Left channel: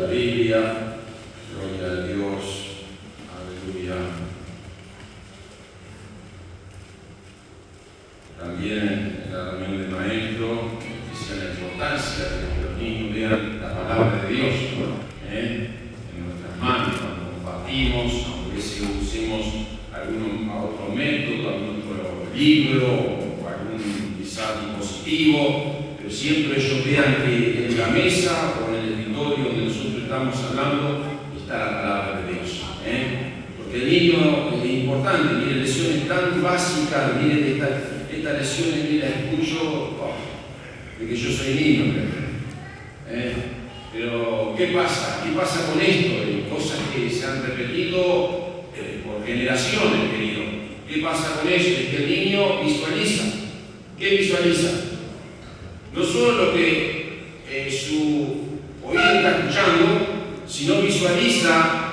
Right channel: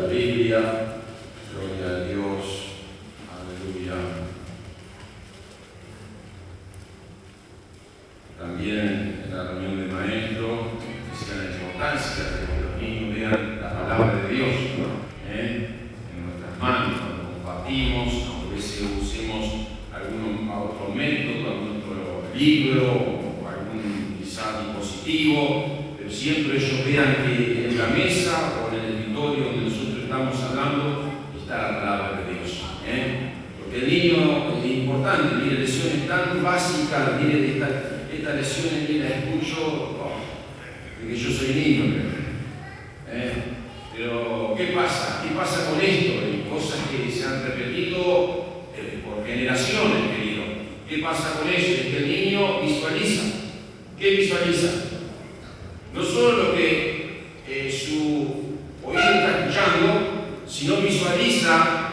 la Biblia. Gloria a Dios. Aleluya. También en la reunión de maestros, que sea la importancia de que los niños vean la palabra de Dios en nuestras manos, cuando compartimos, aunque a veces usemos algún otro método, algún otro libro o algún quizá dispositivo, pero siempre ellos vean que en la mesa o en el escritorio donde nosotros estamos hablando está la palabra de Dios. Porque el niño es importante, mire, lecciones tan básicas, mire, estas lecciones que las escucho, de que yo soy niño, pero ¿qué pasa? ¿Qué pasa con esto? Hay cosas que se han repetido por generaciones, querido. ¿Qué pasa con eso? Es que el niño visualiza. ¿Qué visualiza? No solo lo que su oído está escuchando, sino visualiza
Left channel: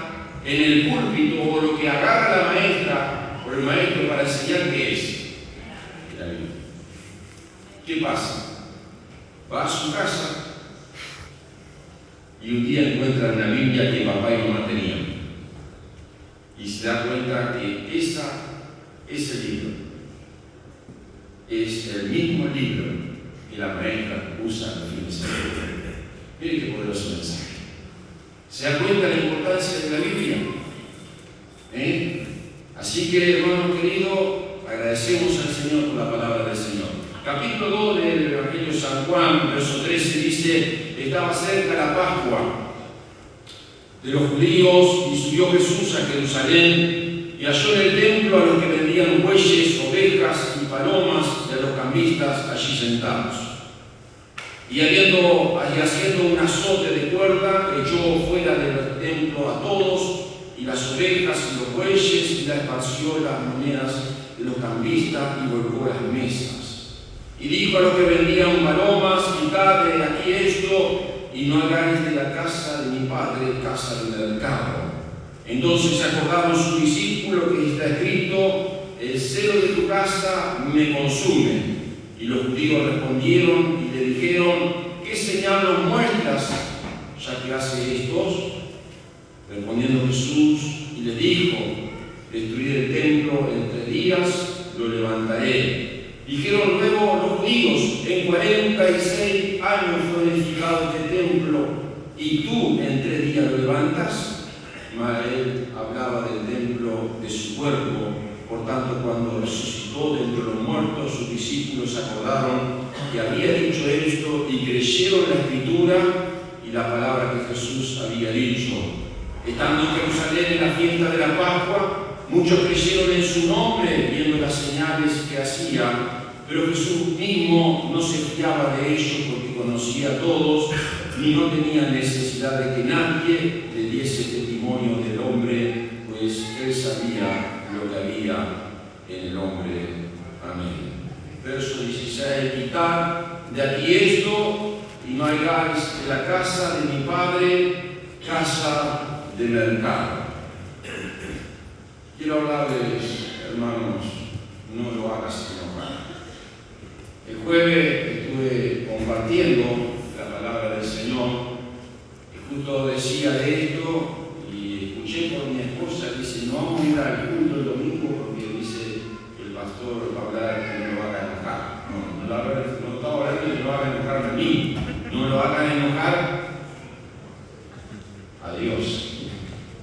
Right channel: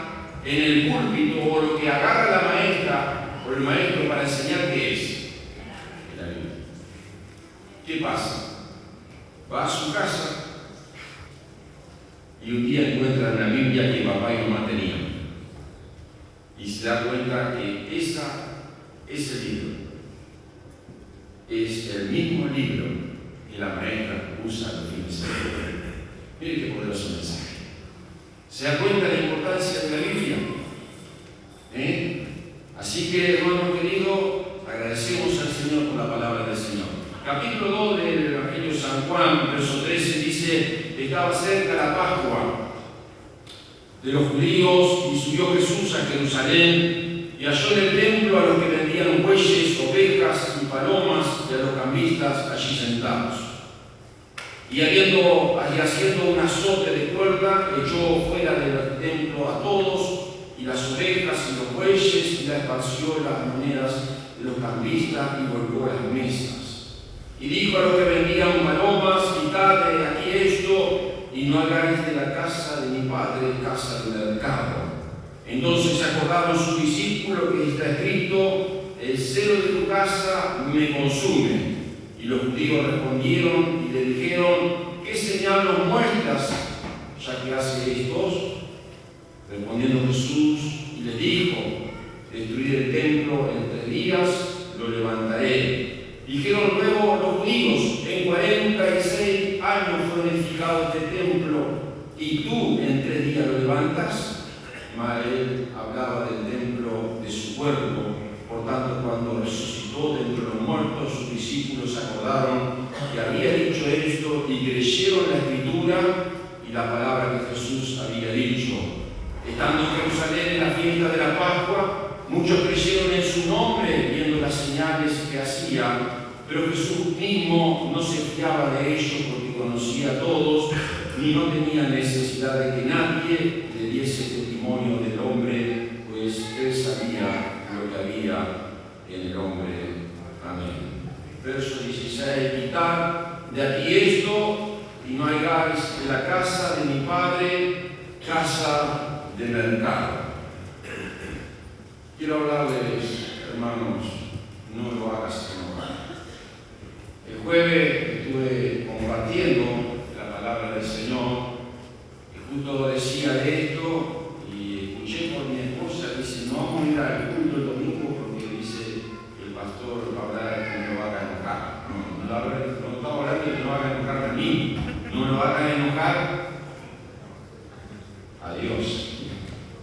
en el púlpito o lo que agarra la maestra o el maestro para enseñar qué es. ¿Qué pasa? Va a su casa y un día encuentra una Biblia que papá y mamá tenían y se da cuenta que ese libro es el mismo libro que la maestra usa los fines de semana. Mire qué poderoso mensaje. ¿Se da cuenta de la importancia de la Biblia? Así que, hermano querido, agradecemos al Señor por la palabra del Señor. Capítulo 2 del Evangelio de San Juan, verso 13, dice: estaba cerca la Pascua de los judíos y subió Jesús a Jerusalén y halló en el templo a los que vendían bueyes, ovejas y palomas de los cambistas allí sentados. Y haciendo un azote de cuerda, echó fuera del templo a todos, y las ovejas y los bueyes, y las esparció las monedas de los cambistas y volvió a las mesas. Y dijo a los que vendían palomas: quitad de aquí esto, y no hagáis de la casa de mi padre casa de mercado. Entonces se acordaron sus discípulos que está escrito: el celo de tu casa me consume. Y los judíos respondieron y le dijeron: ¿qué señal nos muestras, ya que hace estos? Respondiendo Jesús y les dijo: destruid el templo en 3 días, lo levantaré. Dijeron luego los judíos: en 46 años fue edificado este templo, y tú en 3 días lo levantas. Mas él hablaba del templo de su cuerpo. Por tanto, cuando resucitó de entre los muertos, sus discípulos se acordaron que había dicho esto y creyeron la Escritura y la palabra que Jesús había dicho. Estando en Jerusalén en la fiesta de la Pascua, muchos creyeron en su nombre, viendo las señales que hacía, pero Jesús mismo no se fiaba de ellos porque conocía a todos y no tenía necesidad de que nadie le diese testimonio del hombre, pues él sabía lo que había en el hombre. Amén. Verso 16: quitad de aquí esto, y no hagáis de la casa de mi padre casa de mercado. Quiero hablarles, hermanos, no lo hagas enojar. El jueves estuve compartiendo la palabra del Señor y justo decía de esto y escuché por mi esposa, dice: no vamos a ir al culto el domingo porque dice el pastor va a hablar de que no lo haga enojar. No estamos hablando de que no haga enojar a mí, no lo hagan enojar a Dios,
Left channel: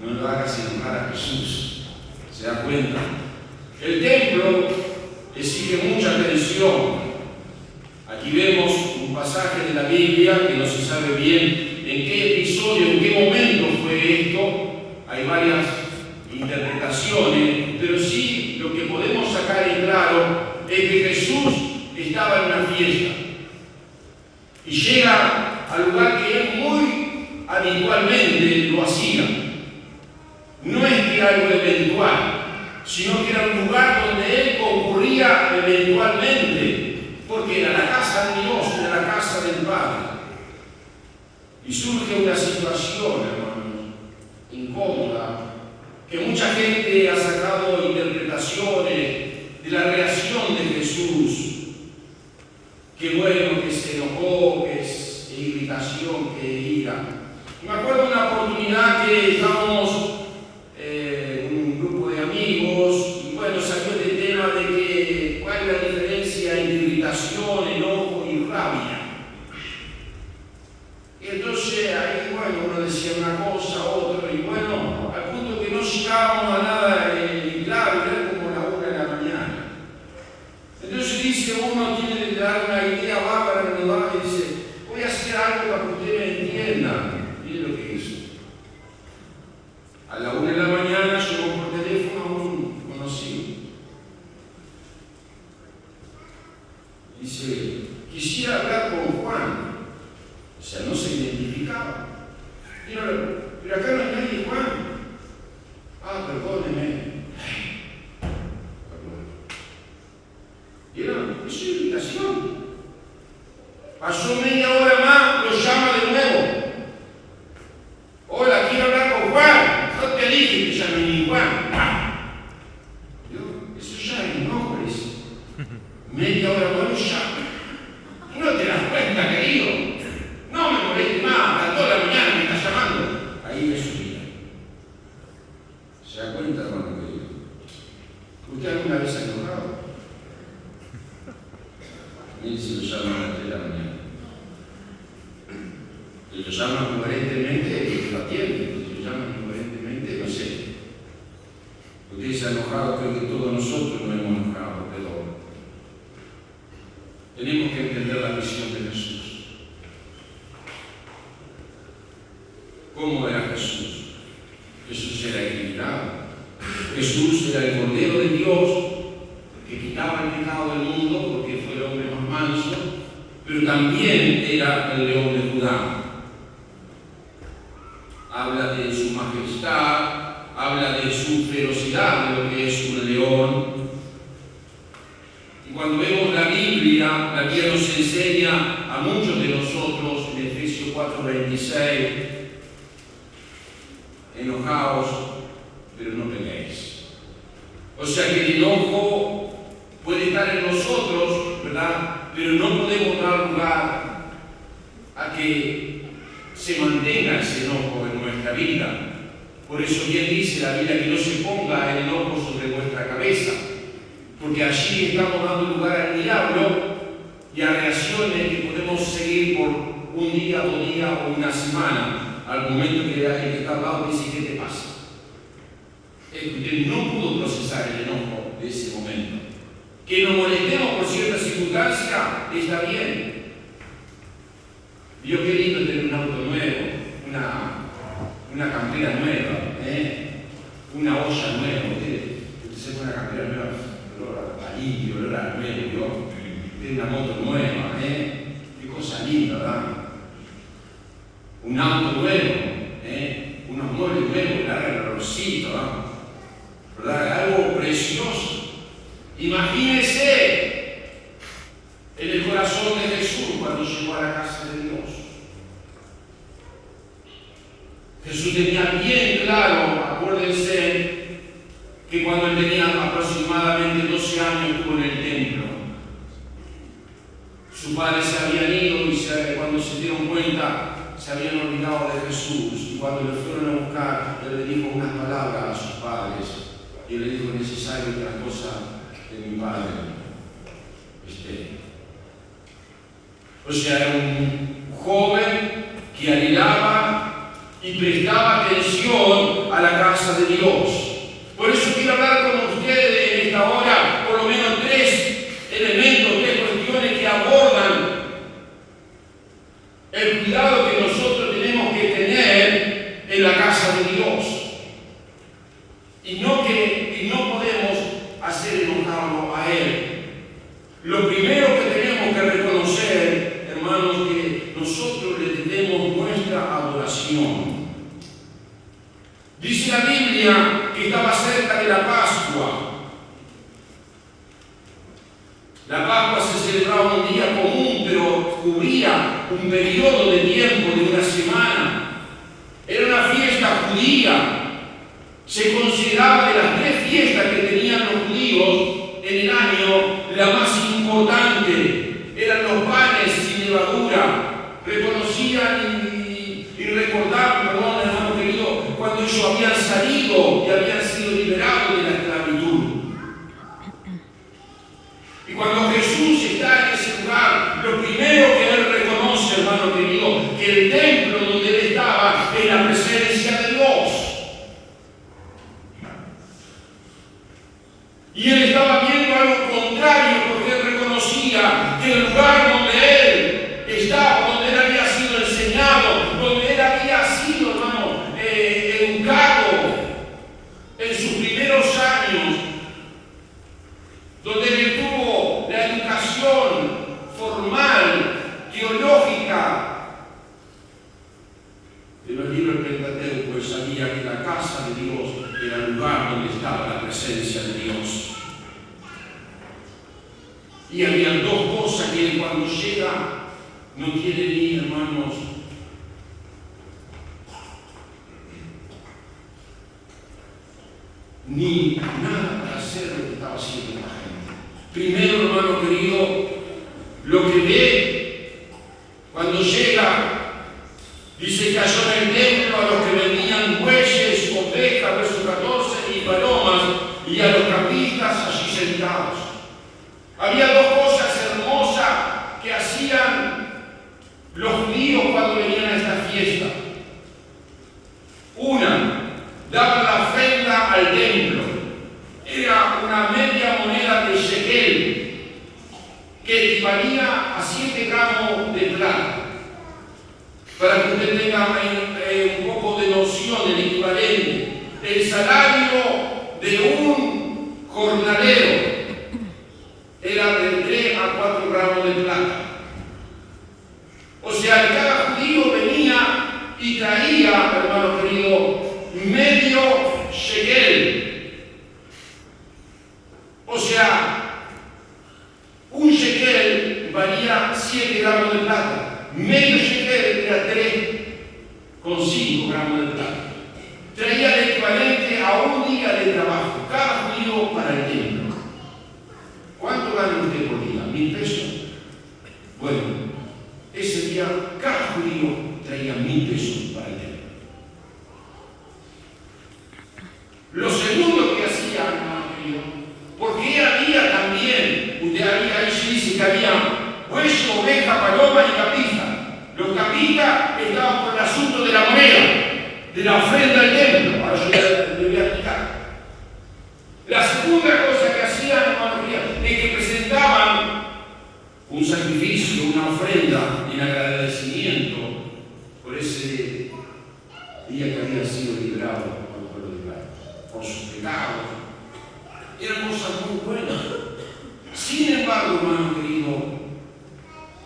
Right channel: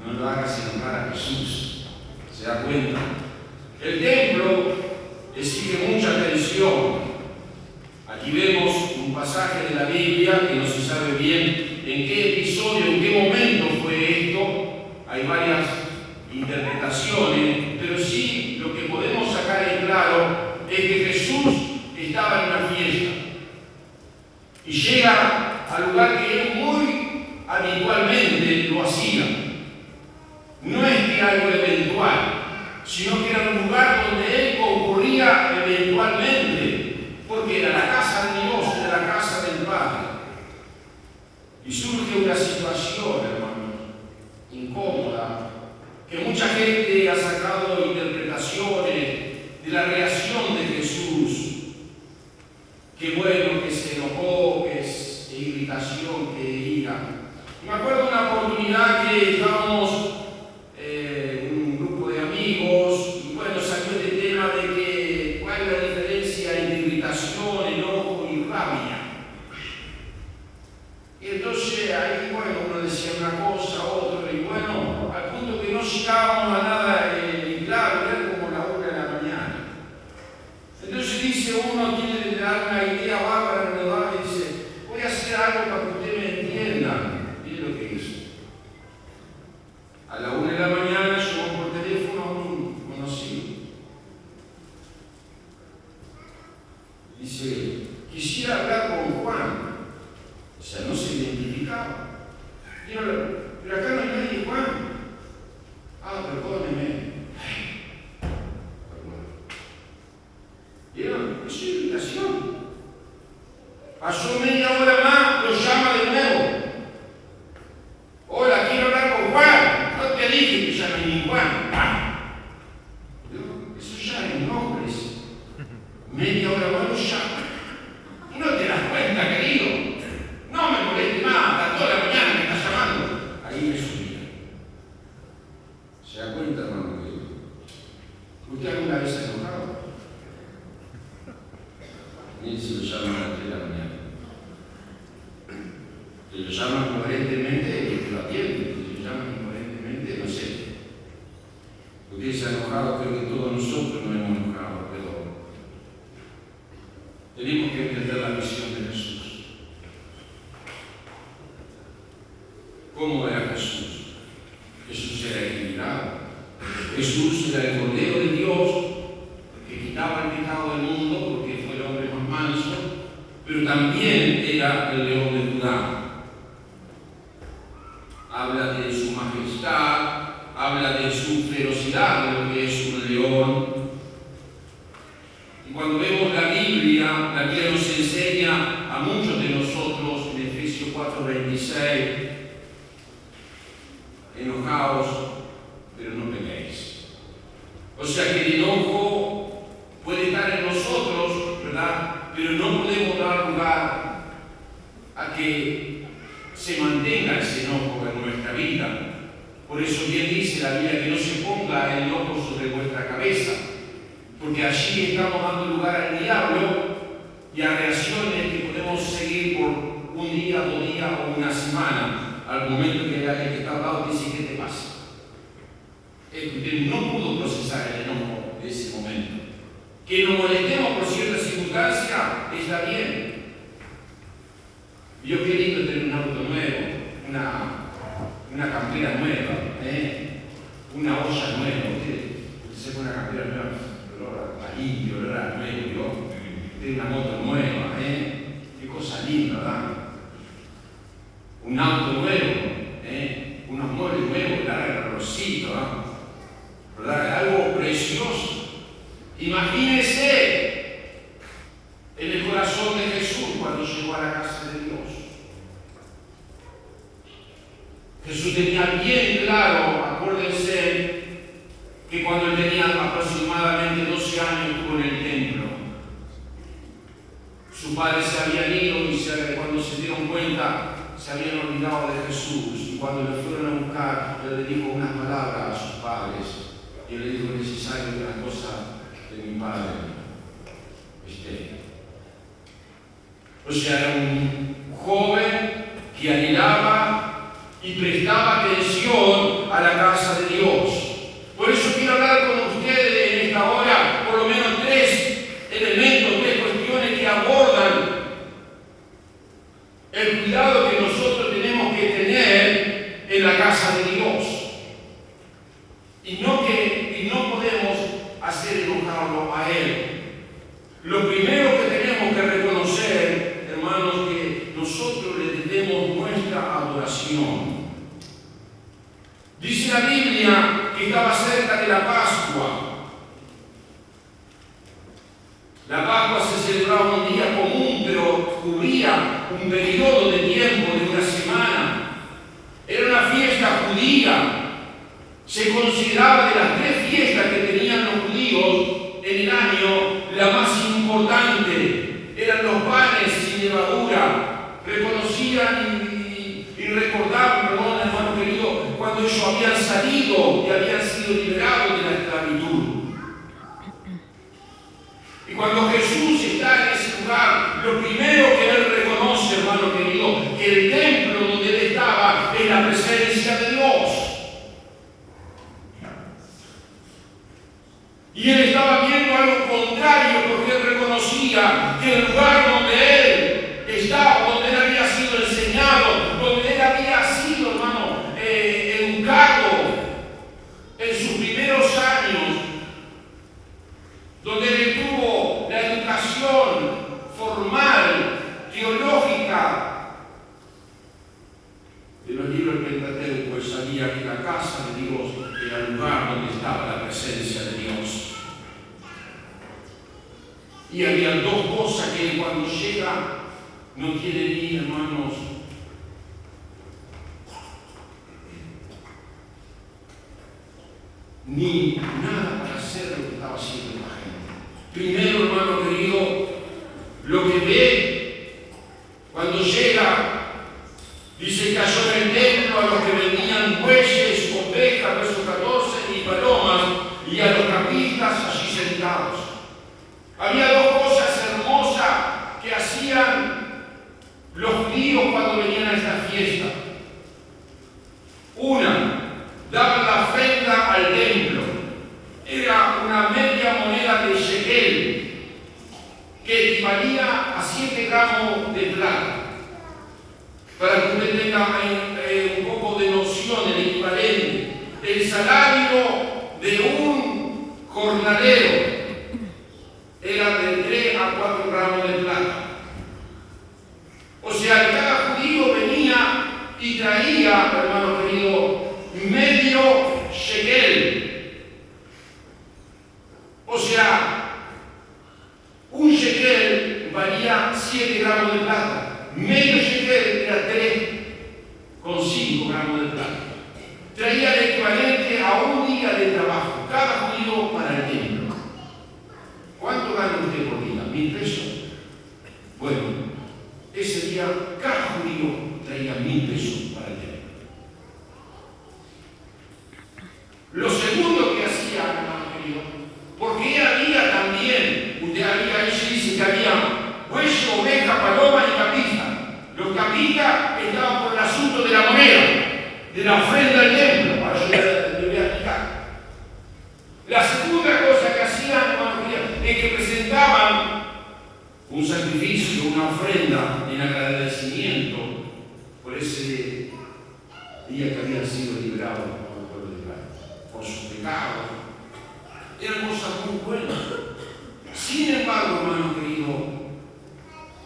no lo hagas enojar a Jesús. ¿Se da cuenta? El templo exige mucha atención. Aquí vemos un pasaje de la Biblia que no se sabe bien en qué episodio, en qué momento fue esto. Hay varias interpretaciones, pero sí lo que podemos sacar en claro es que Jesús estaba en una fiesta y llega al lugar que él muy habitualmente lo hacía. No es que algo eventual, sino que era un lugar donde él concurría eventualmente, porque era la casa de Dios, era la casa del Padre. Y surge una situación, hermanos, incómoda, que mucha gente ha sacado interpretaciones de la reacción de Jesús. Qué bueno, que se enojó, que es irritación, que ira. Me acuerdo de una oportunidad que estábamos un grupo de amigos, y bueno, salió el tema de que cuál es la diferencia entre irritación, enojo y rabia. Y entonces ahí, bueno, uno decía una cosa, otro, y bueno, al punto que no llegábamos a nada claro, era como la 1 de la mañana. Entonces dice uno, tiene que dar una idea bárbara en el lugar y dice, voy a hacer algo para que ustedes me entiendan. Y es lo que hizo. A la 1 de la mañana llegó por teléfono a un conocido. Dice, quisiera hablar con Juan. O sea, no se identificaba. Y yo le digo, pero acá no hay nadie, Juan. Ah, perdóneme. Y era su irritación. Pasó media hora más, lo llama de nuevo. Hola, quiero hablar con Juan. No te dije que llame ni Juan. Eso ya es enojo, dice. Media hora más lo llama. ¿No te das cuenta, querido? No me moleste más, a las 2 de la mañana me está llamando. Ahí es su vida. ¿Se da cuenta, hermano querido? ¿Usted alguna vez ha enojado? A mí se lo llama a las 3 de la mañana. Se lo llama coherentemente, lo atiende. Se lo llama incoherentemente, no sé. Usted se ha enojado, creo que todos nosotros nos hemos enojado, pero tenemos que entender la misión de Jesús. ¿Cómo era Jesús? Jesús era equilibrado. Jesús era el Cordero de Dios que quitaba el pecado del mundo porque fue el hombre más manso, pero también era el león de Judá. Habla de su majestad, habla de su ferocidad, de lo que es un león. Y cuando vemos la Biblia nos enseña a muchos de nosotros en Efesios 4:26, enojaos, pero no peleéis. O sea que el enojo puede estar en nosotros, ¿verdad? Pero no podemos dar lugar a que se mantenga ese enojo en nuestra vida. Por eso bien dice la Biblia que no se ponga el enojo sobre vuestra cabeza, porque allí estamos dando lugar al diablo y a reacciones que podemos seguir por un día, 2 días o una semana, al momento que el que está al lado dice, ¿qué te pasa? Usted no pudo procesar el enojo de ese momento. Que nos molestemos por cierta circunstancia está bien. Yo qué lindo tener un auto nuevo, una campera nueva, una olla nueva. Usted se pone una campera nueva, olor a limpio, olor a nuevo, tiene una moto nueva, qué cosa linda, ¿verdad? Un auto nuevo, unos muebles nuevos, el olorcito, ¿verdad? Algo precioso. Imagínese en el corazón de Jesús cuando llegó a la casa de Dios. Jesús tenía bien claro, acuérdense, que cuando él tenía aproximadamente 12 años estuvo en el templo. Sus padres se habían ido y cuando se dieron cuenta se habían olvidado de Jesús. Y cuando le fueron a buscar, él le dijo unas palabras a sus padres. Y él le dijo, es necesario que la cosa de mi padre esté. O sea, era un joven que anhelaba y prestaba atención a la casa de Dios. Por eso quiero hablar con ustedes en esta hora, por lo menos 3 elementos, 3 cuestiones que abordan el cuidado que nosotros tenemos que tener en la casa de Dios. Y no podemos hacer enojarlo a Él. Lo primero que tenemos que reconocer, hermanos, que nosotros le debemos nuestra adoración. Dice la Biblia que estaba cerca de la Pascua. La Pascua se celebraba un día común, pero cubría un periodo de tiempo de una semana. Era una fiesta judía. Se consideraba de las 3 fiestas que tenían los judíos en el año, la más importante. Eran los panes sin levadura. Reconocían y recordaban ellos habían salido y habían sido liberados de la esclavitud. Y cuando Jesús está en ese lugar, lo primero que él reconoce, hermano querido, que el templo donde él estaba es la presencia de Dios. Y él estaba viendo algo contrario, porque él reconocía que el lugar donde él estaba, donde él había sido enseñado, donde él había sido, hermano, educado en sus primeros años, donde él tuvo la educación formal, teológica. En los libros del Pentateuco, él sabía que la casa de Dios era el lugar donde estaba la presencia de Dios. Y había dos cosas que él cuando llega no tiene ni, hermanos, ni nada para hacer lo que estaba haciendo la gente. Primero, hermano querido, lo que ve cuando llega, dice que halló en el templo a los que vendían bueyes, ovejas, verso 14, y palomas, y a los capistas allí sentados. Había dos cosas hermosas que hacían los judíos cuando venían a esta fiesta. Una, daban la ofrenda al templo. Era una media moneda de shekel, que equivalía a 7 gramos de plata. Para que usted tenga un poco de noción del equivalente, el salario de un jornalero era de 3 a 4 gramos de plata. O sea, cada judío venía y traía, hermano querido, medio shekel. O sea, un shekel valía 7 gramos de plata. Medio shekel era 3,5 gramos de plata. Traía el equivalente a un día de trabajo, cada judío para el templo. ¿Cuánto gana usted por día? ¿1.000 pesos? Bueno, ese día cada judío traía 1.000 pesos para el templo. Lo segundo que hacía, hermano querido, porque había también, usted había, ahí se dice que había bueyes, oveja, paloma y capija. Los capistas estaban por el asunto de la moneda, de la ofrenda del templo. Ahora yo le voy a explicar. La segunda cosa que hacían, hermano querido, es que presentaban un sacrificio, una ofrenda en agradecimiento por ese día que habían sido liberados por el pueblo de Israel, por sus pecados. Eran cosas muy buenas. Sin embargo, hermano querido,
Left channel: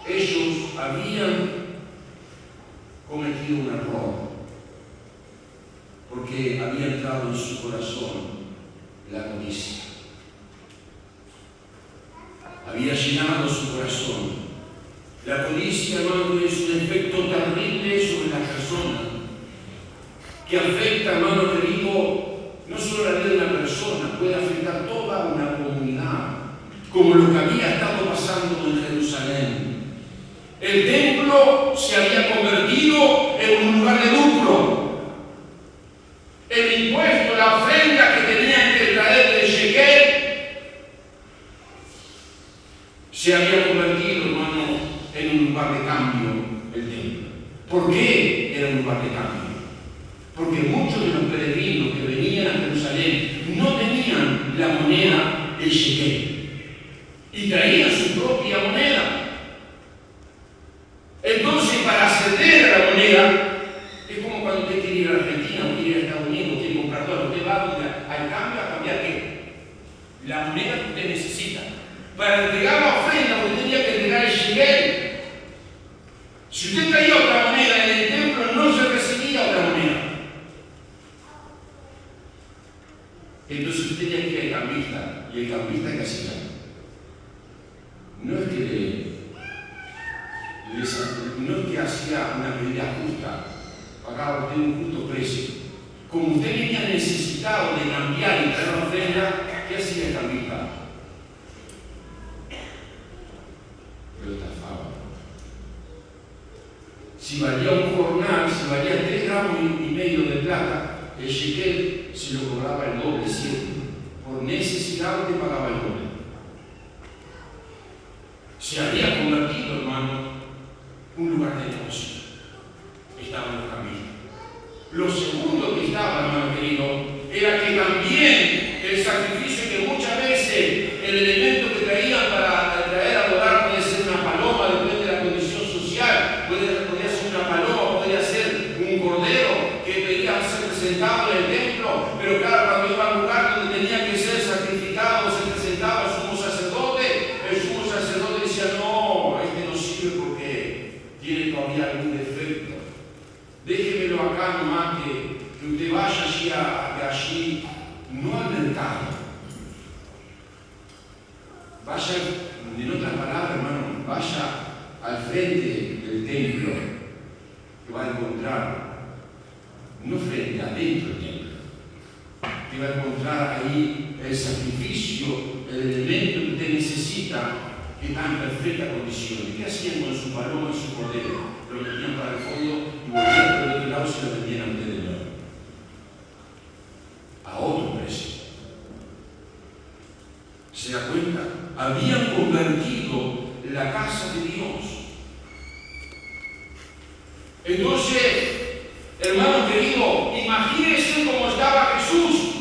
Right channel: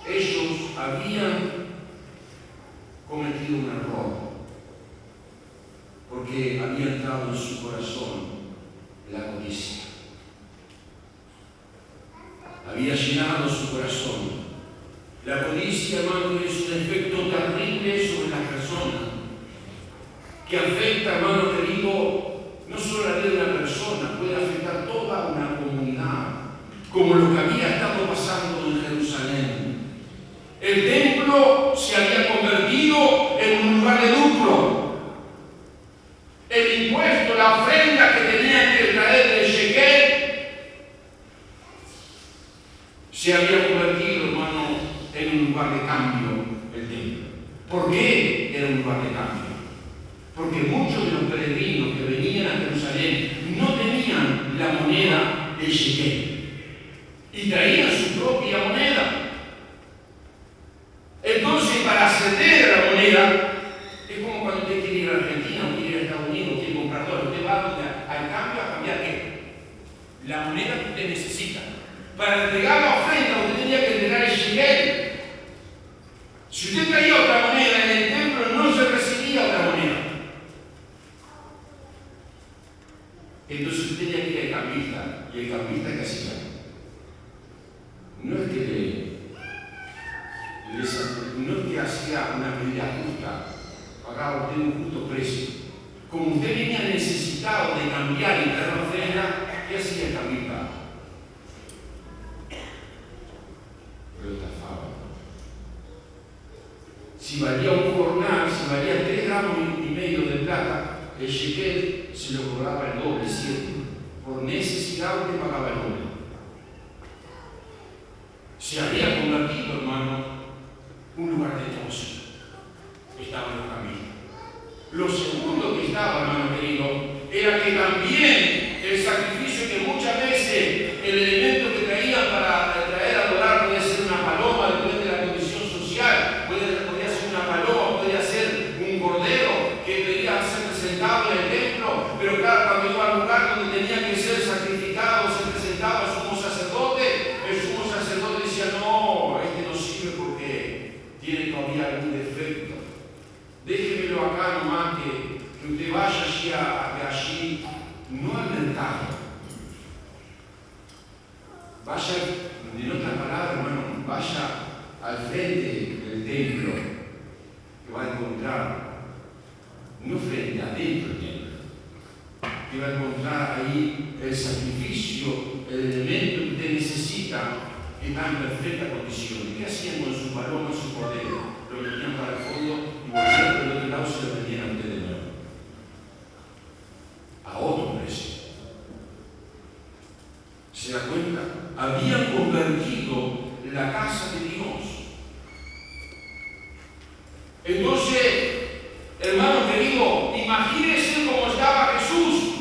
ellos habían cometido un error, porque había entrado en su corazón la codicia. Había llenado su corazón. La codicia, hermano, es un efecto terrible sobre las personas, que afecta, hermano querido, no solo la vida de una persona, puede afectar toda una comunidad, como lo que había estado pasando en Jerusalén. El templo se había convertido en un lugar de lucro. El impuesto, la ofrenda que tenían que traer de shekel, se había convertido, hermano, en un lugar de cambio el templo. ¿Por qué era un lugar de cambio? Porque muchos de los peregrinos que venían a Jerusalén no tenían la moneda del shekel y traían su propia moneda. Entonces, para acceder a la moneda, es como cuando usted quiere ir a Argentina o quiere ir a Estados Unidos, quiere comprar todo, usted va al cambio a cambiar ¿qué? La moneda que usted necesita. Para entregar la ofrenda, usted tenía que entregar el shekel. Si usted traía otra moneda en el templo, no se recibía otra moneda. Entonces usted tenía que ir al cambista. ¿Y el cambista qué hacía? No es que hacía una medida justa, pagaba usted un justo precio. Como usted venía necesitado de cambiar y traer una ofrenda, ¿qué hacía el cambista? Lo estafaba. Si valía un jornal, si valía 3,5 gramos de plata, el shekel se lo cobraba el doble siempre. Por necesidad te pagaba el doble. Se había convertido, hermano, un lugar de negocio. Estaba en la camino. Lo segundo que estaba, hermano querido, era que también el sacrificio que muchas veces el elemento que traían para traer al hogar podía ser una paloma, depende de la condición social, podía ser una paloma, podía ser un cordero que pedía ser presentado en el templo, pero claro, cuando iba al lugar donde tenía que ser sacrificado, se presentaba el sumo sacerdote decía, no, este no sirve porque tiene todavía algún defecto. Déjemelo acá nomás que usted vaya allí, no al mercado. Vaya, en otras palabras, hermano, vaya al frente del templo, que va a encontrar, no frente, adentro del templo, que va a encontrar ahí el sacrificio, el elemento que usted necesita, que está en perfecta condición. ¿Y qué hacían con su paloma y su cordero? Lo metían para el fondo y volvían por el otro lado y se lo vendían antes de nuevo. A otro precio. ¿Se da cuenta? Habían convertido la casa de Dios. Entonces, hermano querido, imagínense cómo estaba Jesús.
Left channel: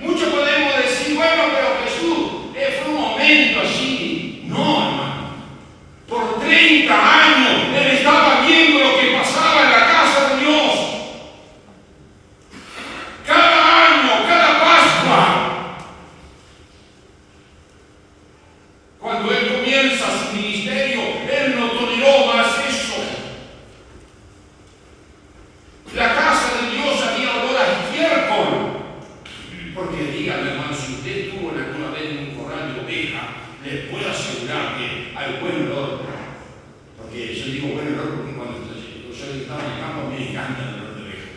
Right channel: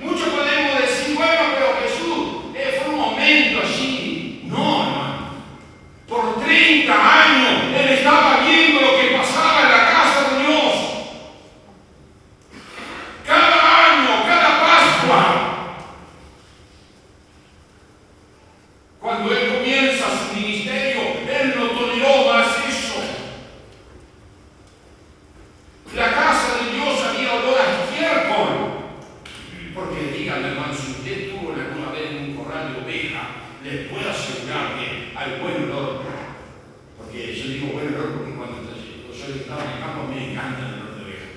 Muchos podemos decir, bueno, pero Jesús, fue un momento allí. No, hermano. Por 30 años él estaba viendo lo que pasaba en la casa de Dios. Cada año, cada Pascua. Cuando él comienza su ministerio, él no toleró más eso. La casa de Dios había olor a estiércol. Porque díganme, hermano, si usted estuvo alguna vez en un corral de oveja, les puedo asegurar que hay buen olor. Porque yo digo buen olor porque cuando yo estaba en el campo me encanta el olor de oveja.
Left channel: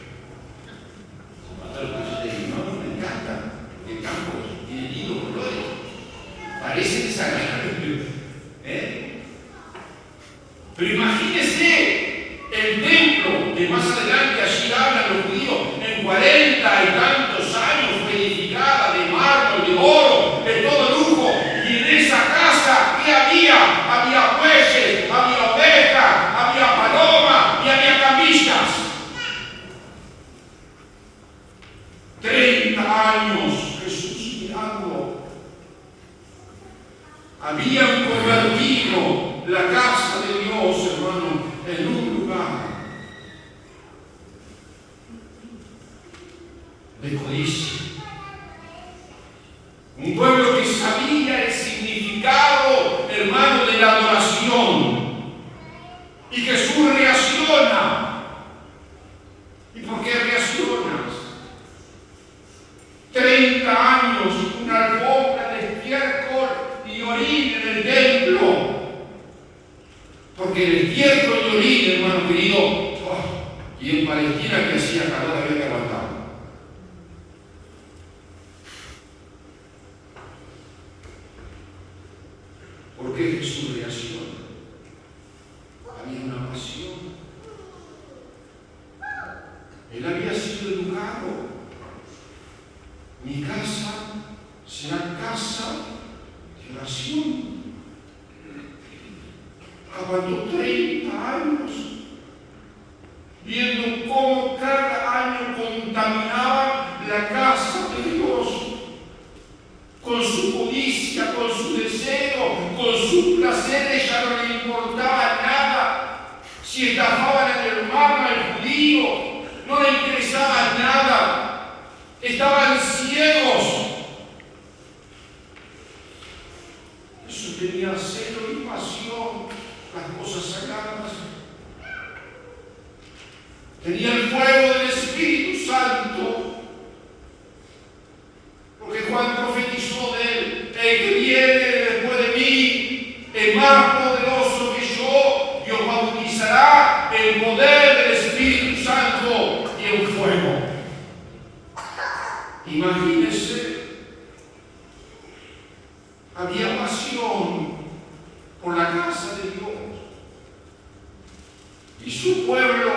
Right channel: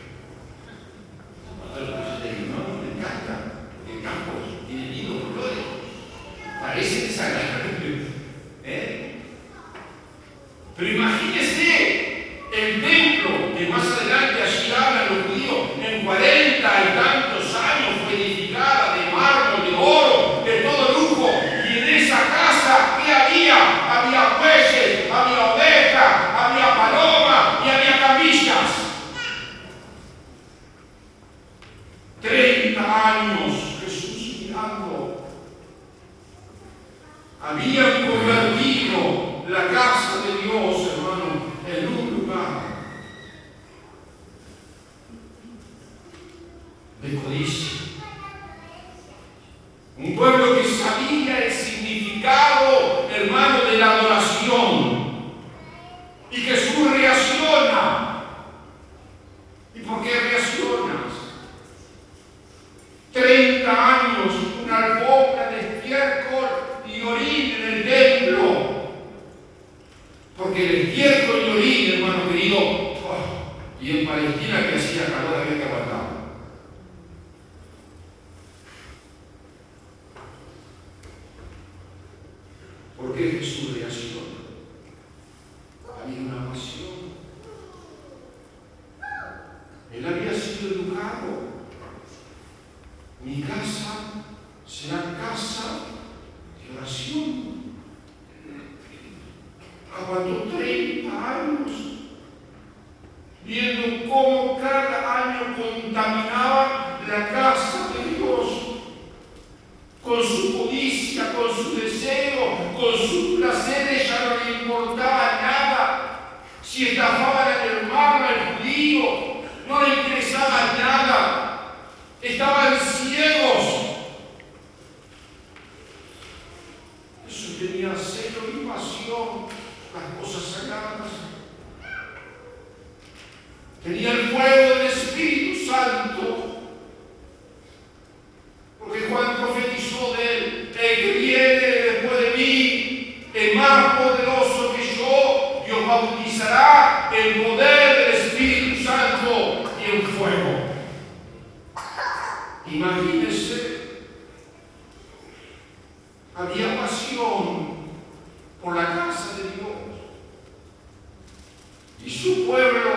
No, me encanta. Porque el campo tiene lindos olores. Parece desagradable. Pero imagínese el templo que más adelante allí hablan los judíos, en 40 y tantos años fue edificada de mármol, de oro, de todo lujo. Y en esa casa, ¿qué había? Había bueyes, había ovejas, había palomas y había camillas. 30 años Jesús mirando. Habían convertido la casa de Dios, hermano, en un lugar de codicia. Un pueblo que sabía el significado, hermano, de la adoración. Y Jesús reacciona. ¿Y por qué reaccionas? 30 años, una alfombra de estiércol y orín en el templo. Porque el estiércol y orín, hermano querido, y en Palestina que hacía calor había que aguantar. ¿Por qué Jesús reacciona? Había una pasión. Él había sido educado. Mi casa será casa de oración. Aguantó 30 años viendo cómo cada año contaminaba la casa de Dios con su codicia, con su deseo, con sus placeres. Ya no le importaba nada. Si estafaban al hermano, al judío, no le interesaba nada. Estaban ciegos. Jesús tenía celo y pasión por las cosas sagradas. Tenía el fuego del Espíritu Santo. Porque Juan profetizó de él: el que viene después de mí es más poderoso que yo, y os bautizará en poder del Espíritu Santo y en fuego. Imagínense, había pasión por la casa de Dios. Y su pueblo,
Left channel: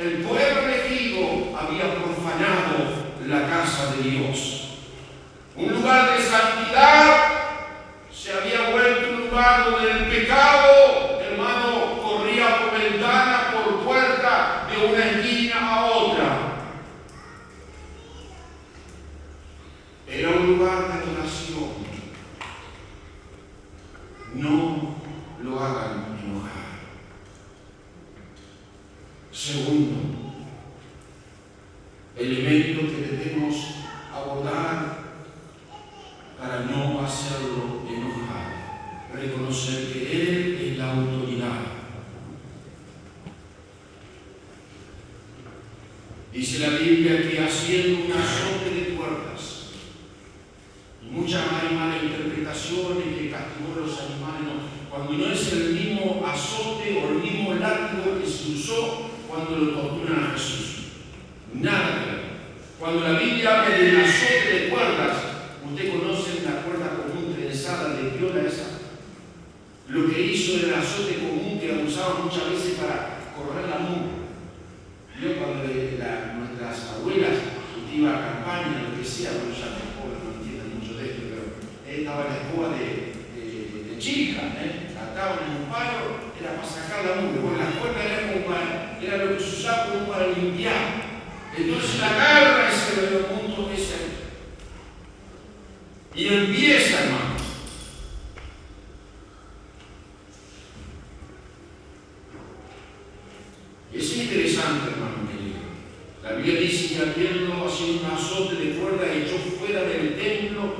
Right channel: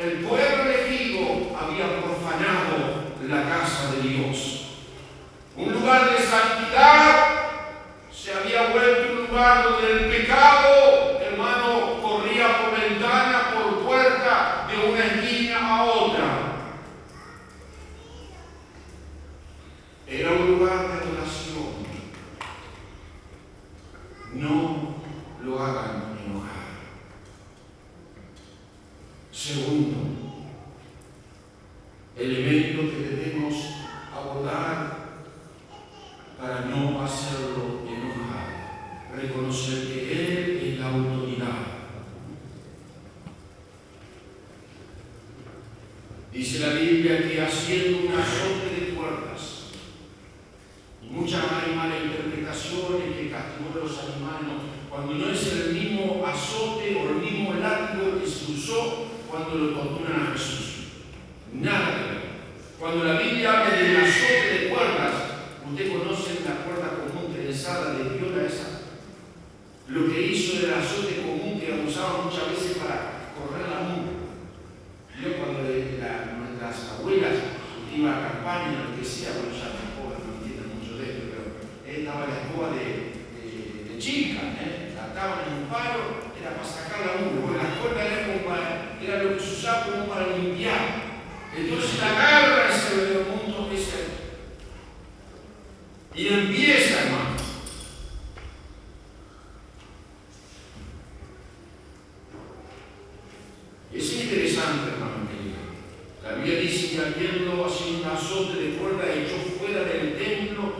el pueblo elegido había profanado la casa de Dios. Un lugar de santidad se había vuelto un lugar donde el pecado, hermano, corría por ventana, por puerta, de una esquina a otra. Era un lugar de adoración. No lo hagan enojar. Segundo, elemento que debemos abordar para no hacerlo enojar: reconocer que Él es la autoridad. Dice la Biblia que haciendo un azote de puertas, y muchas hay malas interpretaciones, que castigó a los animales, cuando no es el mismo azote o el mismo látigo que se usó cuando lo torturan a Jesús. Nada que ver. Cuando la Biblia habla del azote de cuerdas, usted conoce la cuerda común trenzada de qué hora esa. Lo que hizo del azote común que usaban muchas veces para correr la mula. Yo cuando nuestras abuelas iban a campaña, lo que sea, pero ya no entienden mucho de esto, pero estaba la escoba de chica, la ataban en un palo, era para sacar la mula, porque la cuerda era lo que se usaba como para limpiar. Entonces la agarra y se ve un montón de cerdo. Y empieza, hermano. Es interesante, hermano. La Biblia dice que habiendo así un azote de cuerda echó fuera del templo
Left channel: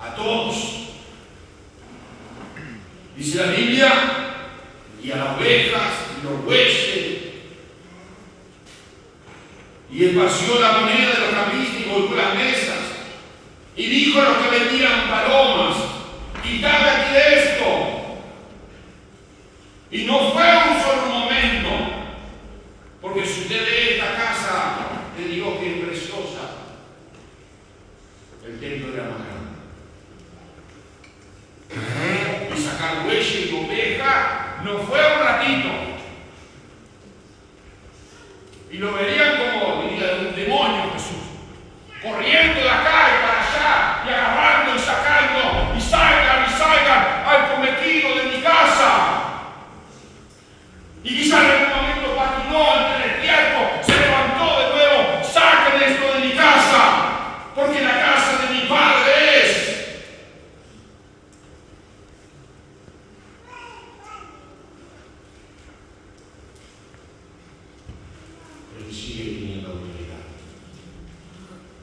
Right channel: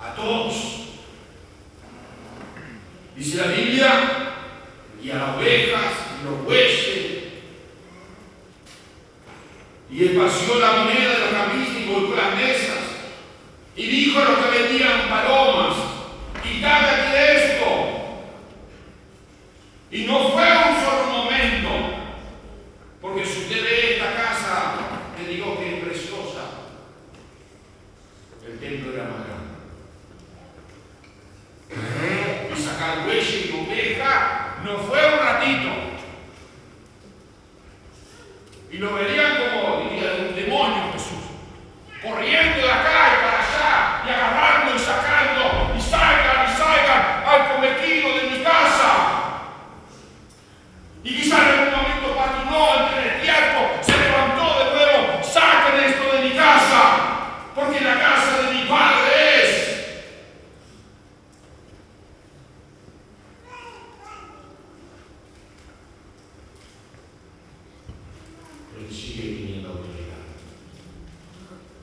a todos. Dice la Biblia, y a las ovejas, y los bueyes, y esparció la moneda de los camisas y golpeó las mesas, y dijo a los que vendían palomas: quitad aquí esto. Y no fue un solo momento, porque si usted ve esta casa, le digo que es preciosa, el templo era más grande. Y sacar bueyes y oveja no fue un ratito. Y lo verían como, diría, de un demonio Jesús, corriendo de acá y para allá, y agarrando y sacando, y salgan al prometido de mi casa. Y quizás en un momento patinó ante el tiempo, se levantó de nuevo: saquen esto de mi casa, porque la casa de mi padre es. Él sigue teniendo autoridad.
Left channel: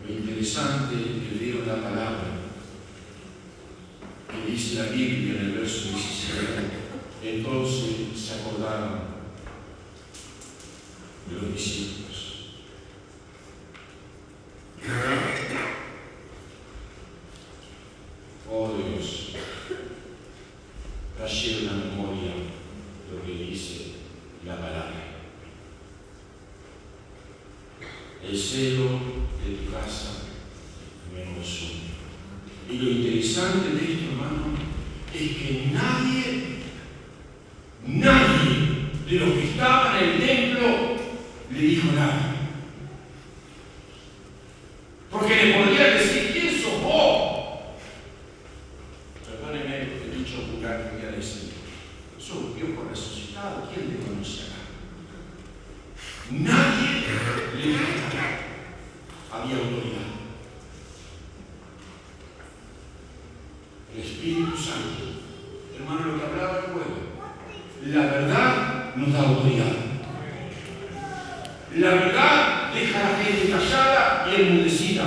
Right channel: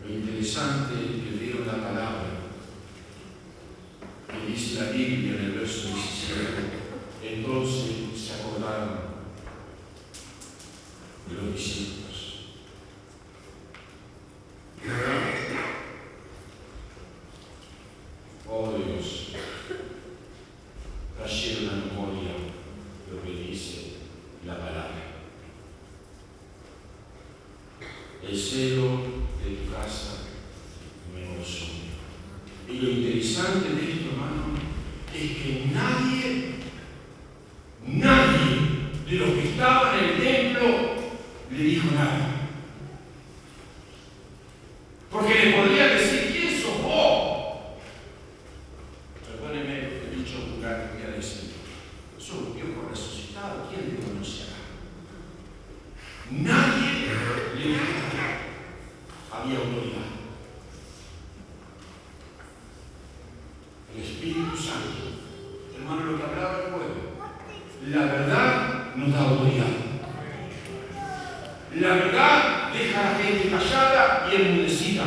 Lo interesante es que leo la palabra que dice la Biblia en el verso 17. Entonces se acordaron de los discípulos. Oh Dios, trayendo a la memoria lo que dice la palabra. El celo de tu casa me consume. Y lo interesante de esto, hermano, es que nadie de los que estaban en el templo le dijo nada. Porque le podían decir: ¿quién sos vos? Perdóneme el dicho vulgar que voy a decir. Sos un viejo resucitado, ¿quién te conocerá? Nadie le dijo nada. Había autoridad. El Espíritu Santo, hermano, lo que hablaba el pueblo. La verdad nos da autoridad. La verdad deja a la gente callada y enmudecida.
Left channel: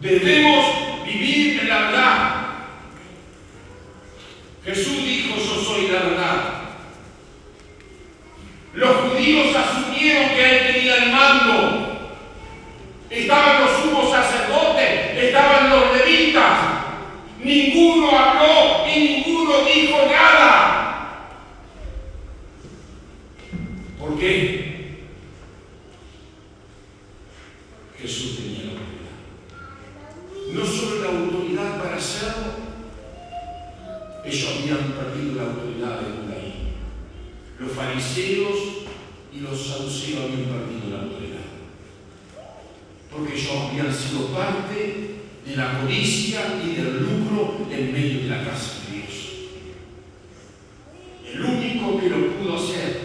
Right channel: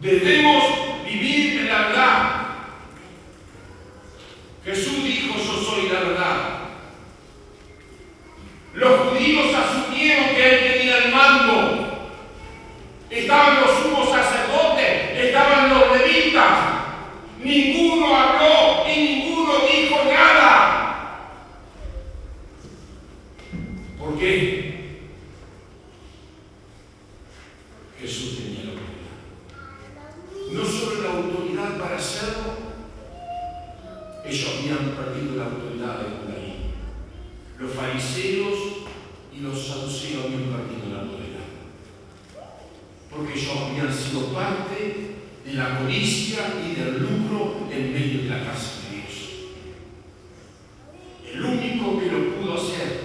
Debemos vivir en la verdad. Jesús dijo: yo soy la verdad. Los judíos asumieron que Él tenía el mando. Estaban los sumos sacerdotes, estaban los levitas. Ninguno habló y ninguno dijo nada. ¿Por qué? Jesús tenía la autoridad. No solo la autoridad para hacerlo, ellos habían perdido la autoridad de judaísmo. fariseos y los saduceos habían perdido la autoridad, porque ellos habían sido parte de la codicia y del lucro en medio de la casa de Dios. El único que lo pudo hacer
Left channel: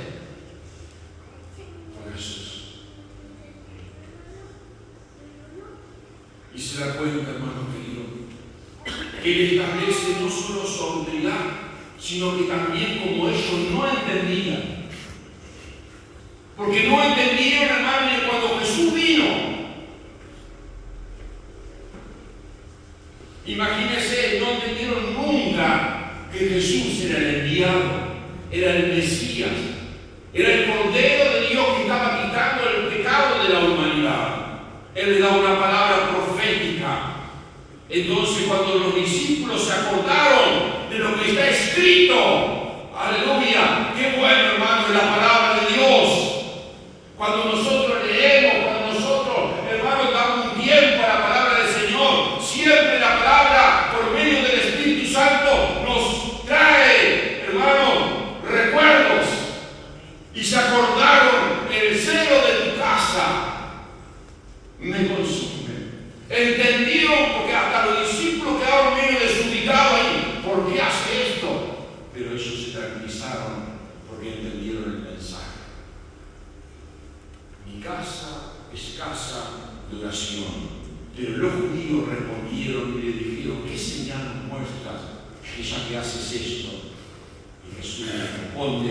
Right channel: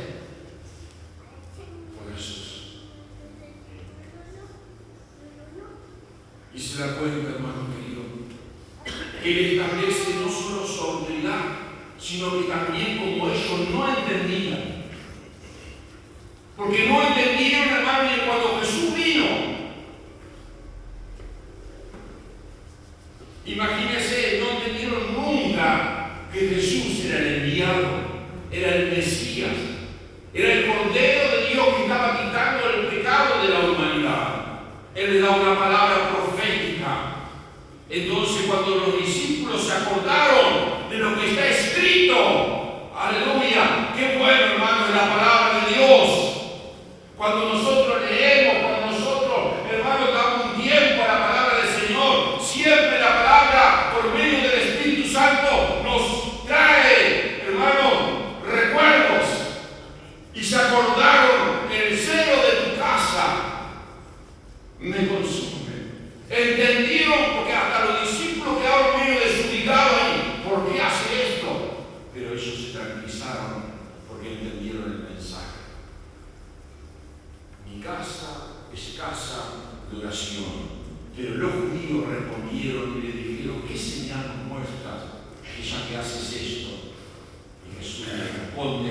fue Jesús. Y se da cuenta, hermano querido, que Él establece no solo su autoridad, sino que también como ellos no entendían. Porque no entendieron, hermano, que cuando Jesús vino, imagínense, no entendieron nunca que Jesús era el enviado, era el Mesías, era el Cordero de Dios que estaba quitando el pecado de la humanidad. Él le da una palabra profética. Entonces, cuando los discípulos se acordaron de lo que está escrito, aleluya, qué bueno, hermano, de la palabra de Dios. Cuando nosotros leemos, cuando nosotros, hermano, damos un tiempo a la palabra del Señor, siempre la palabra, por medio del Espíritu Santo, nos trae, hermano, recuerdos. Y se acordaron, el celo de tu casa me consume. Entendieron, porque hasta los discípulos quedaron medio desubicados ahí. ¿Por qué hace esto? Pero ellos se tranquilizaron porque entendieron el mensaje. Mi casa es casa de oración. Pero los judíos respondieron y le dijeron: ¿qué señal nos muestras que ya que haces esto? Y Jesús le responde:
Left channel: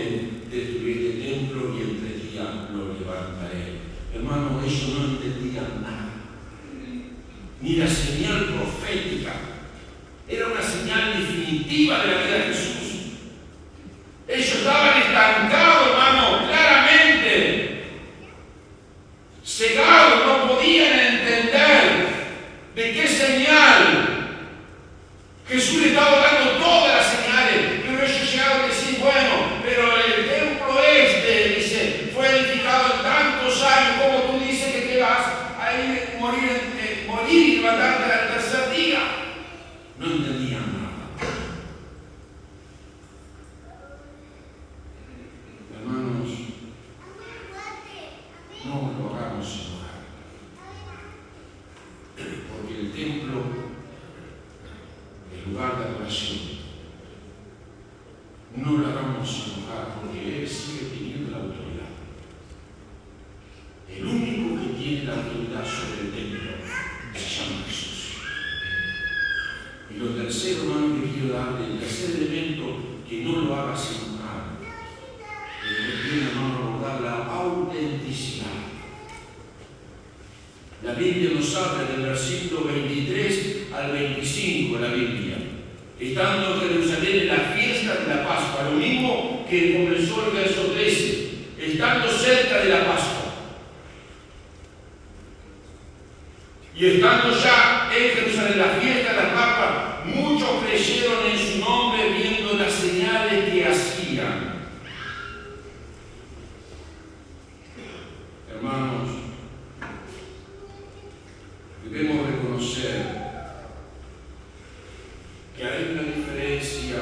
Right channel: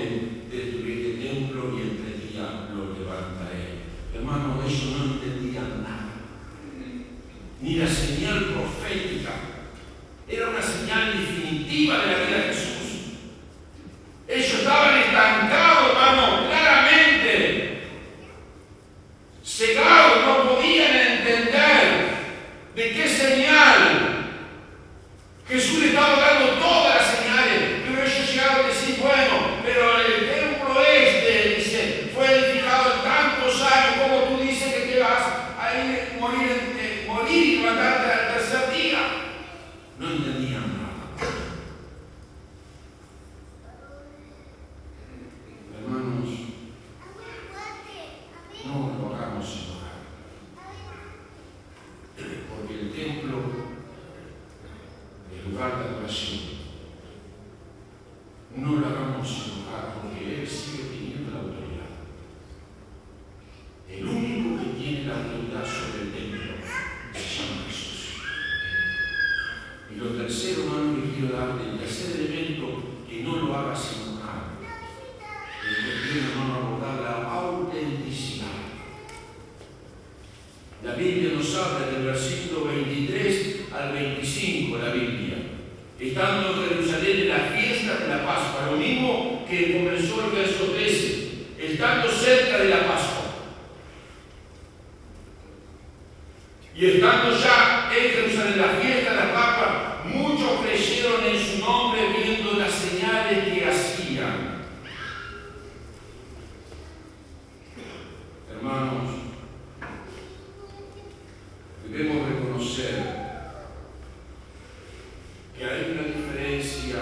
destruiré el templo y en 3 días lo levantaré. Hermano, ellos no entendían nada. Ni la señal profética. Era una señal definitiva de la vida de Jesús. Ellos estaban estancados, hermano, claramente. Cegados, no podían entender de qué señal. Jesús le estaba dando todas las señales, pero ellos llegaron a decir: bueno, pero el templo dice, fue edificado en tantos años, como tú dices que vas a ir morir y levantarte al tercer día. No entendían nada. Hermanos, no lo hagamos enojar, porque el templo, el lugar de adoración, no lo hagamos enojar, porque Él sigue teniendo la autoridad. El único que tiene la autoridad sobre el templo se llama Jesús. Y lo tercero, hermano, que quiero darle, el tercer elemento que no lo hagas enojar, es que hermano, abordar la autenticidad. La Biblia nos habla del versículo 23 al 25 de la Biblia. Estando en Jerusalén en la fiesta de la Pascua, lo mismo que comenzó el verso 13, estando cerca de la Pascua. Y estando ya en Jerusalén en la fiesta de la Pascua, muchos creyeron en su nombre viendo las señales que hacían. Hermanos, debemos reconocer que hay una diferencia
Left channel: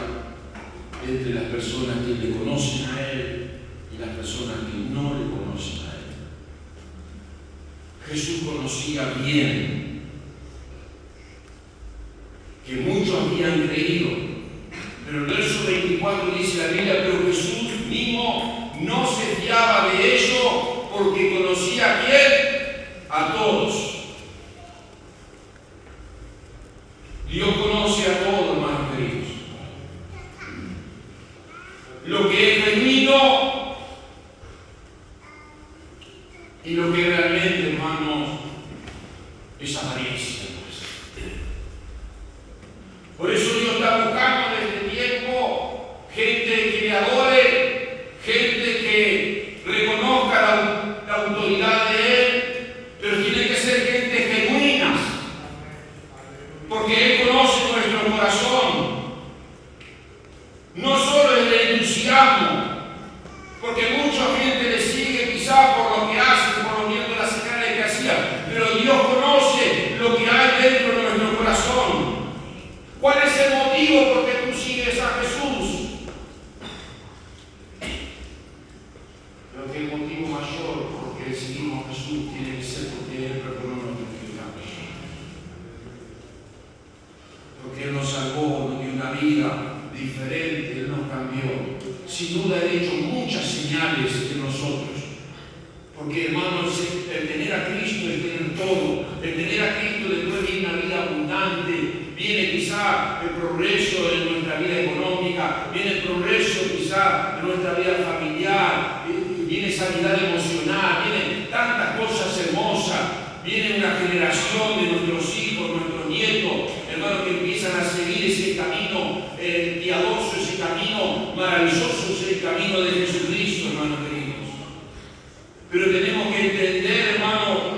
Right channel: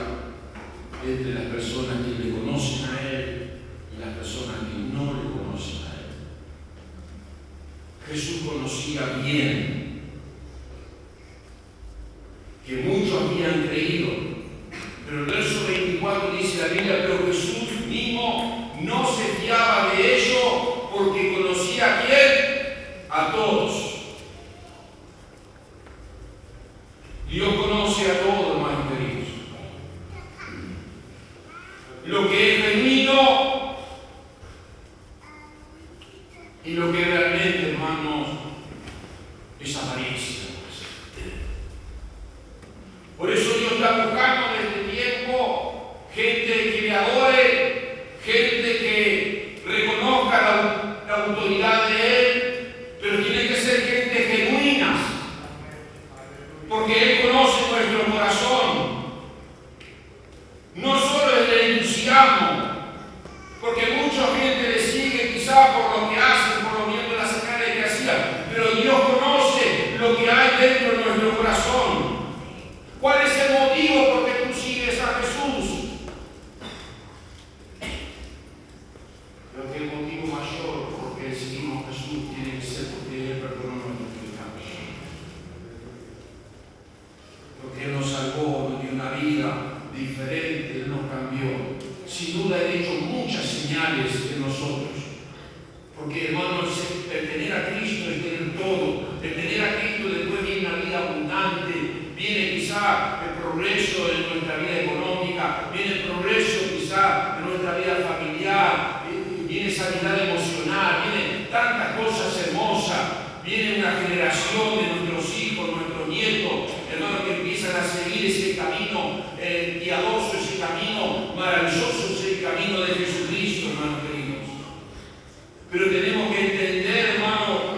entre las personas que le conocen a Él y las personas que no le conocen a Él. Jesús conocía bien que muchos habían creído, pero el verso 24 dice la Biblia: pero Jesús mismo no se fiaba de ello, porque conocía a quién, a todos. Dios conoce a todos, hermanos queridos. Lo que es genuino y lo que realmente, hermanos, es apariencia. Por eso Dios está buscando desde tiempo gente que le adore, gente que reconozca la autoridad de Él, pero tiene que ser gente genuina, porque Él conoce nuestro corazón. No solo es el entusiasmo, porque mucha gente le sigue quizás por lo que hacen, por lo viendo las señales que hacían, pero Dios conoce lo que hay dentro de nuestro corazón. ¿Cuál es el motivo por que tú sigues a Jesús? sin duda ha hecho muchas señales en nosotros. Porque, hermanos, el tener a Cristo es tener todo. El tener a Cristo después viene una vida abundante. Viene quizá el progreso en nuestra vida económica. Viene el progreso quizá en nuestra vida familiar. Viene sanidad emocional. Vienen tantas cosas hermosas. Viene una generación de nuestros hijos, nuestros nietos, hermanos, que empiezan a seguir ese camino piadoso, ese camino maravilloso, ese camino de Jesucristo, hermanos queridos. Pero tenemos que entender, hermano,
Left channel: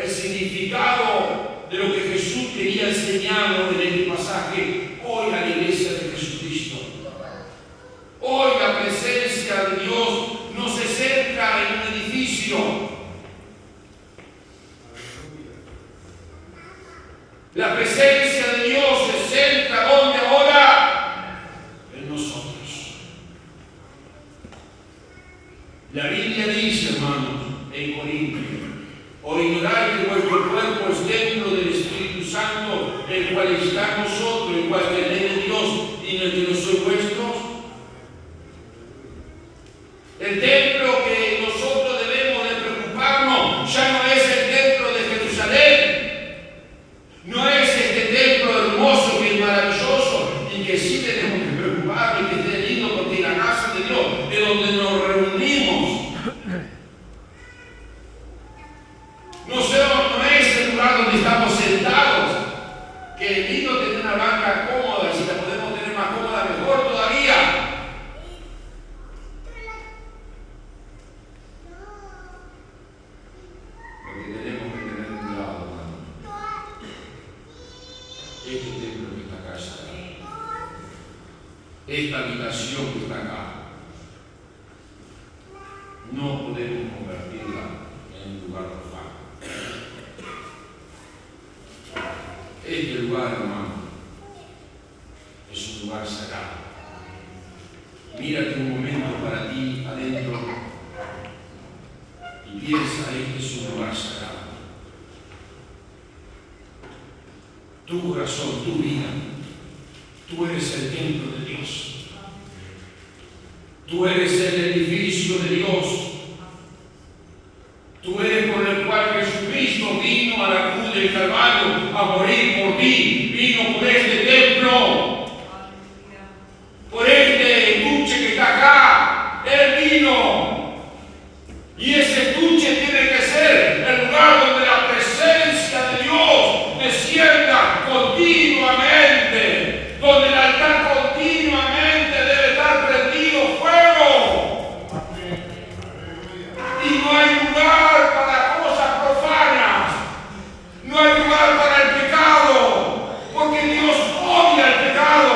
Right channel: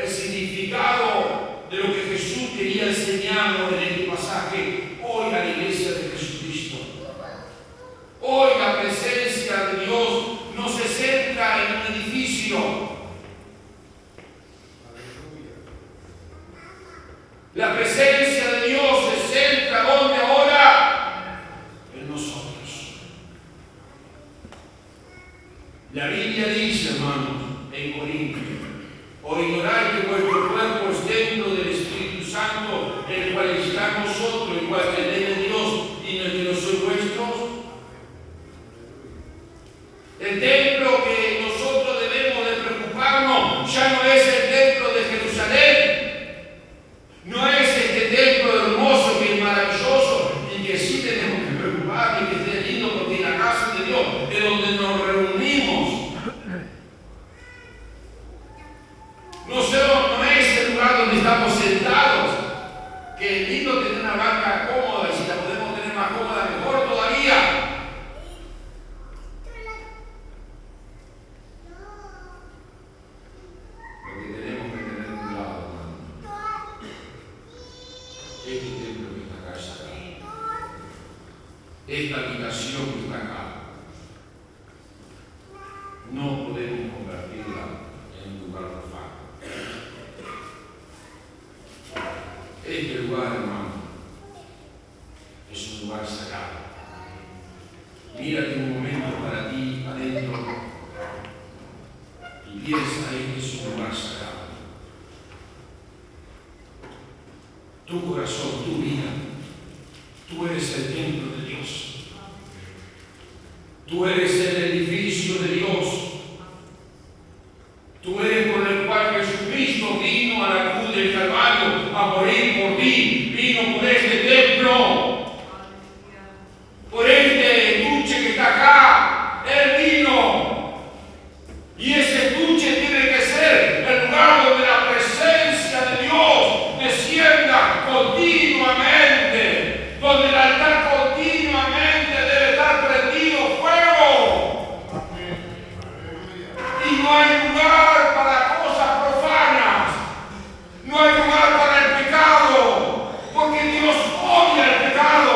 el significado de lo que Jesús quería enseñarnos en este pasaje hoy a la iglesia de Jesucristo. Hoy la presencia de Dios no se centra en un edificio. La presencia de Dios se centra donde ahora en nosotros. La Biblia dice, hermanos, en Corintios: ¿o ignoráis que vuestro cuerpo es templo del Espíritu Santo, el cual está en vosotros, el cual tenéis de Dios y en el que no sois vuestros? El templo que nosotros debemos de preocuparnos ya no es el templo de Jerusalén. No es este templo hermoso que es maravilloso y que sí tenemos que preocuparnos y que esté lindo, porque la casa de Dios es donde nos reunimos. No es el lugar donde estamos sentados, que es lindo tener una banca cómoda. Si la podemos tener más cómoda, mejor todavía. Porque tenemos que tener cuidado, hermano. Este templo que está acá es sagrado. Esta habitación que está acá, no podemos convertirla en un lugar profano. Este lugar, hermano, es un lugar sagrado. Mírate un momento para ti adentro y piensa: este es un lugar sagrado. Tu corazón, tu vida, tú eres el templo de Dios. Tú eres el edificio de Dios. Tú eres por el cual Jesucristo vino a la cruz del Calvario a morir por ti. Vino por este templo, por este estuche que está acá. Él vino. Y ese estuche tiene que ser el lugar donde la presencia de Dios descienda continuamente, donde el altar continuamente debe estar prendido fuego. Y no hay lugar para cosas profanas, no hay lugar para el pecado, porque Dios odia el pecado.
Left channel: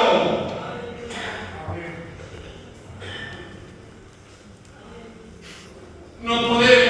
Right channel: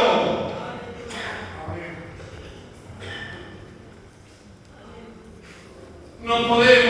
No podemos